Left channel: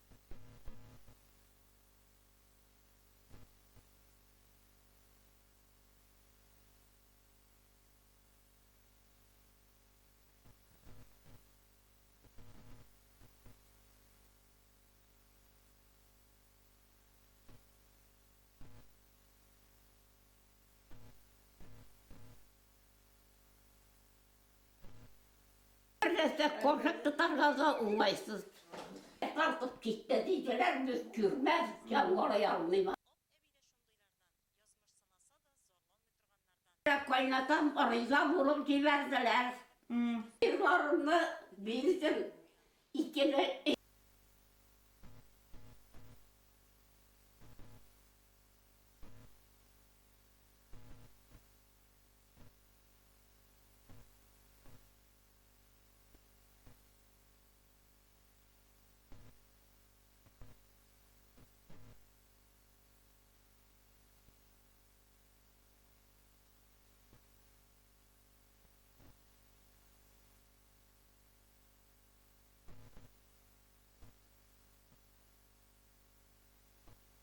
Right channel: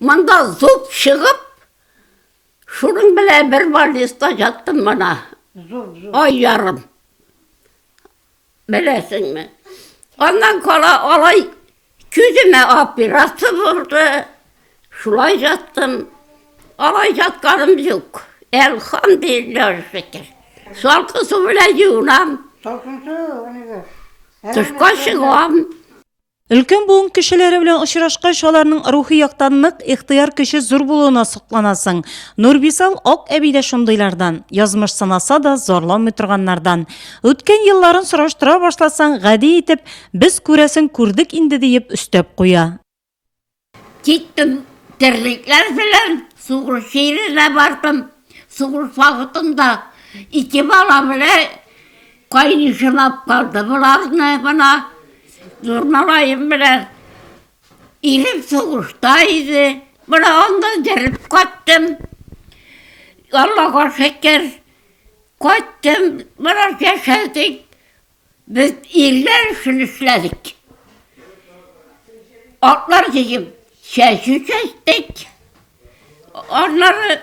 Manda zup çıkıp, şunun bile bir valizde yattım bana. Ay yarım. Bilesin mi? Ondan sonra olay küzüme operası vurdu. Şulay yattım. Olay yatkanım yok. Elhamdülillah şükür. Salkı su bile yuğunam. Tuşka çıkam. Ülkün buğun kişileri bilen ışıraşqaş olarının ruhi yaqtanlıq, ixtiyar kişi zor buluğuna sıqlanasın. Nurbisal ok ebide şundaylardan, yazmış sanasa da zorlan mütürganlardan. Ötken yılların sıraştıra başlasan, gadi etip, biz küresin kürdük indi deyip üstep koya. Gittim dirlikler filan. Suğur şehrine vardım. Suğur vakıtında 2 bala bile kaynışınap kaldı. Bunlar ne bana? Zurnalayım bile. İlim soğuştaydı. Buna ondan gelip kaçtım. Allah'a şeker. Kaçtım. Buna yaşadık. Biz iller için işledik. Atlar diyeyim. Sesi çektik. Onları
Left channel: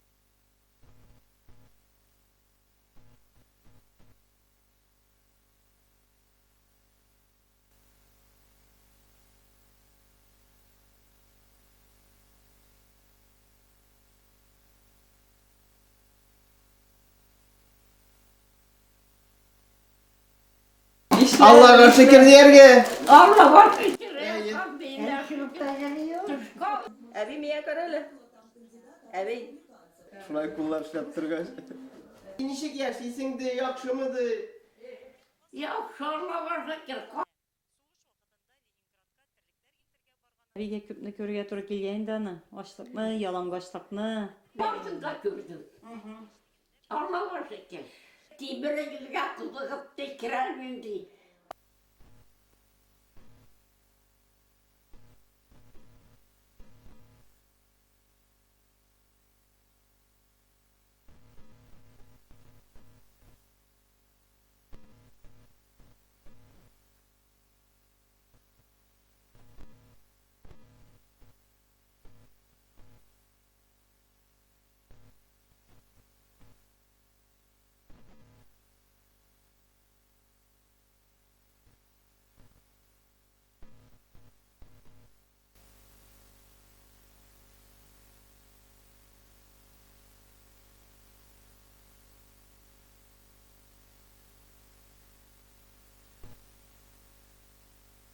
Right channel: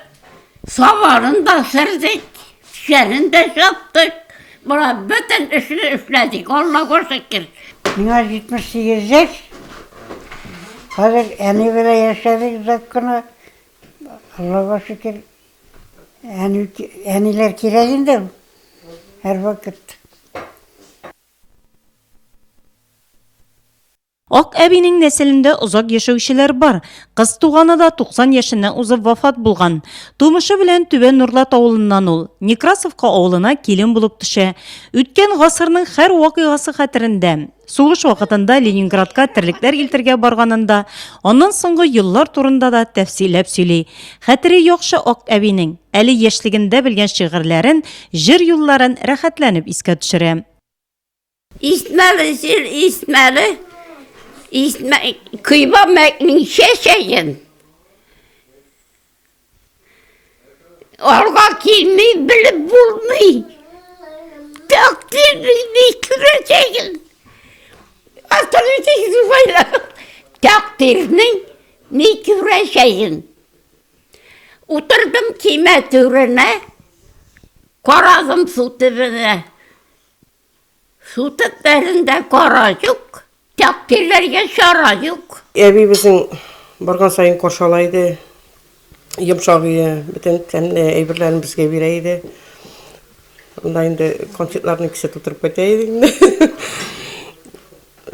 savarında serdik. Şerinde yaptık. Buna bütün işini işledik. Allah'a şeker. Buna 78 yaş. Hazır eni bile yaşadık zatkını. Allah'a şükür. Eniler kirelinde her vakit. Allah'a şükür diyerge. Allah'a şeker. Ok ebinin nesilinde uzak yaşayışılar var. Kız tuğanı da 90 yaşından uzak vafat bulgan. Tumuşu bilen Tübe Nurlat oğlundan ol. Nekrasovka oğluna kelin bulup düşe. Ütken gasırının her vakıgası hatırında. Soğuş vakitinde Leningradka tirlikler iltirge barganında, onun soңғы yıllar turunda da tefsilep söyley. Hatırı yokşu ok ebinin, eli yaşliginde bilgen şiirlerin, jir yolların rahatlanıp iske düşürem. İsmeli. Kıyma meknin şeşeyin. Orga kelmeyi bilip bulmayı. Takdirini küreceğin. Hatırlayacağız böyle. Takdirini ne küreceğin. Oturdum kime türüne. Koradım su tübüne. Su tüplerinde koracık. Takdirlerge şaracık. Evi bizim bargan sayın koşalaydı. Yumşağıya, bütün temli evirlerini bizge bireydi. Onda indi konsertlerini ikisi tutup keteydi.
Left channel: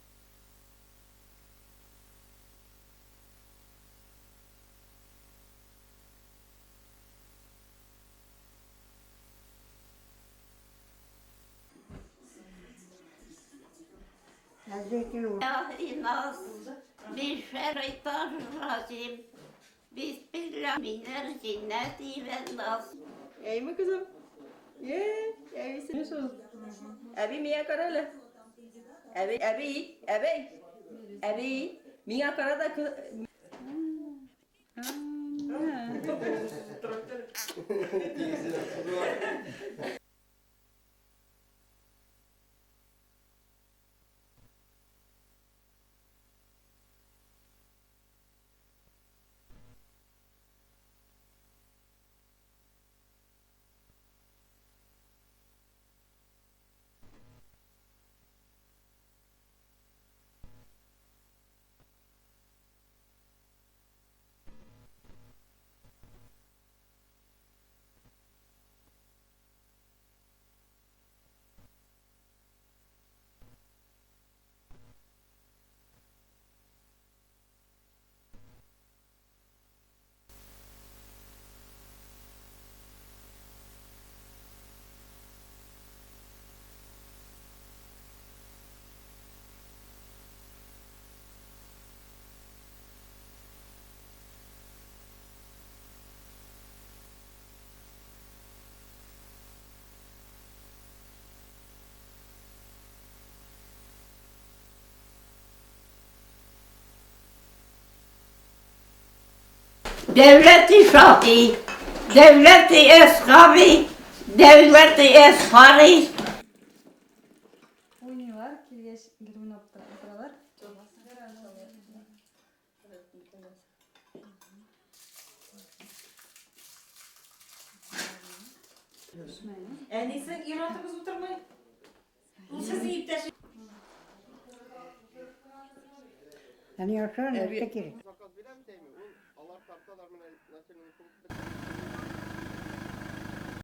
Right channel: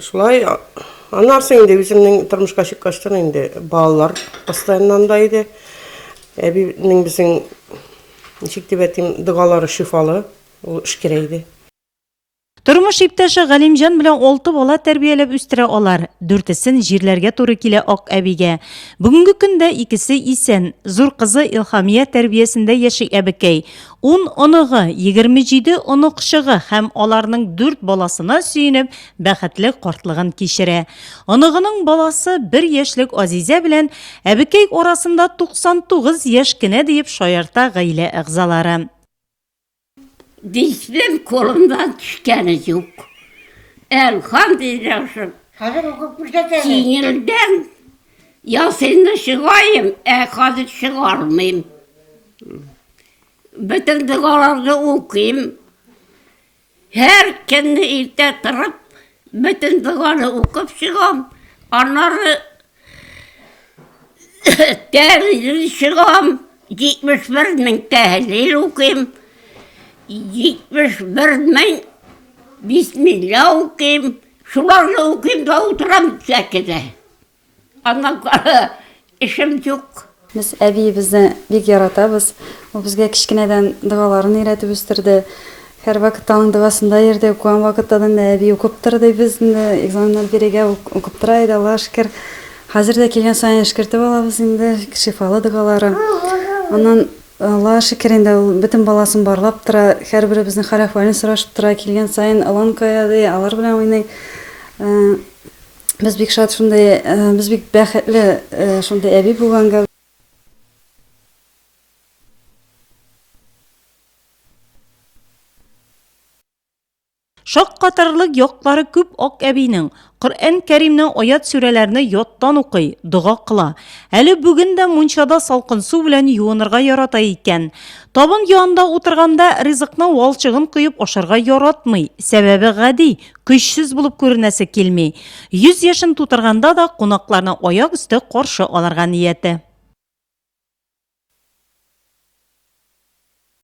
Şulay anlarsın indi bizimnin turmuşka çıkkaştan indi bağlar pastayanlandaydı. Evinin bizim nişik debetim dıgaları şifalı, o işkireydi. Turmuş iptaşı Galimcan bilen 6 bola terbiyelep üstüre olar. Dürtesin jirlerge toru kile ok ebige. Bugünkü günde ikisi isen, zur kızı İlhamiye terbiyesinde yaşı ebekey. 10 onuğu, 27 onuq şığı hem olarının 4 bolasına süyünüp, bəxetli kortlığın kişire. Onuğunun bolası 1 yaşlık Azize bilen, ebekey orasında 99 yaş kine deyip şoyarta gayle ıgzaları. Dişlim kolumdan düşkeni yok. Elhamdülillah. Hazır okutmuş da seni. Sinirden ya seni çıkayım, hadi çıkarmayayım. Bütün dıgalarını okuyayım. Her kendi ilde durup, bütün dıgaları okup çıkam. Onları tehlil çıkam. 71.000 tehlil okuyayım. 71.000 Bismillah okuyayım. Şularla okuyayım da oturam sekide. Ondan sonra işim yok. Biz әби bizni bek yaratабыз. O bizge kichkinadan duolarini öğretip östirdi. Her vaqt aның duasında yerde okuyan vaqtdan әби okuyup turdi bizni. Egzaminlar berege okuyup turaydı Allah'a şükür. Hazır da kelgen sayın şükürtüp alabız indi şifalı duaları. Ondan Allah'a şükür indi bütün balaсын barlap tura, her biri bizning hal ahvalini so'rashib tura, kelgan sayin alon qo'yadi, alар bilan o'ynaydi. Biz bek shod shunday, biz bek baxtli shunday abi bo'lganga. Devleti şahi, devleti eshabi, devleti eshari. Şok qatarlıq yoqları küp ok ebinin. Qur'an Karimning oyat suralarini yoddan o'qiy, duo qila. Әле бүген дә мунчада салкын су белән юынырга ярата икән. Табын янында утырганда ризыкның валчыгын куеп ашарга яратмый. Сәбәбе гади, көчсез булып күренәсе килми. 100 яшын тутырганда да кунакларны аяк өсте каршы алырга нияте.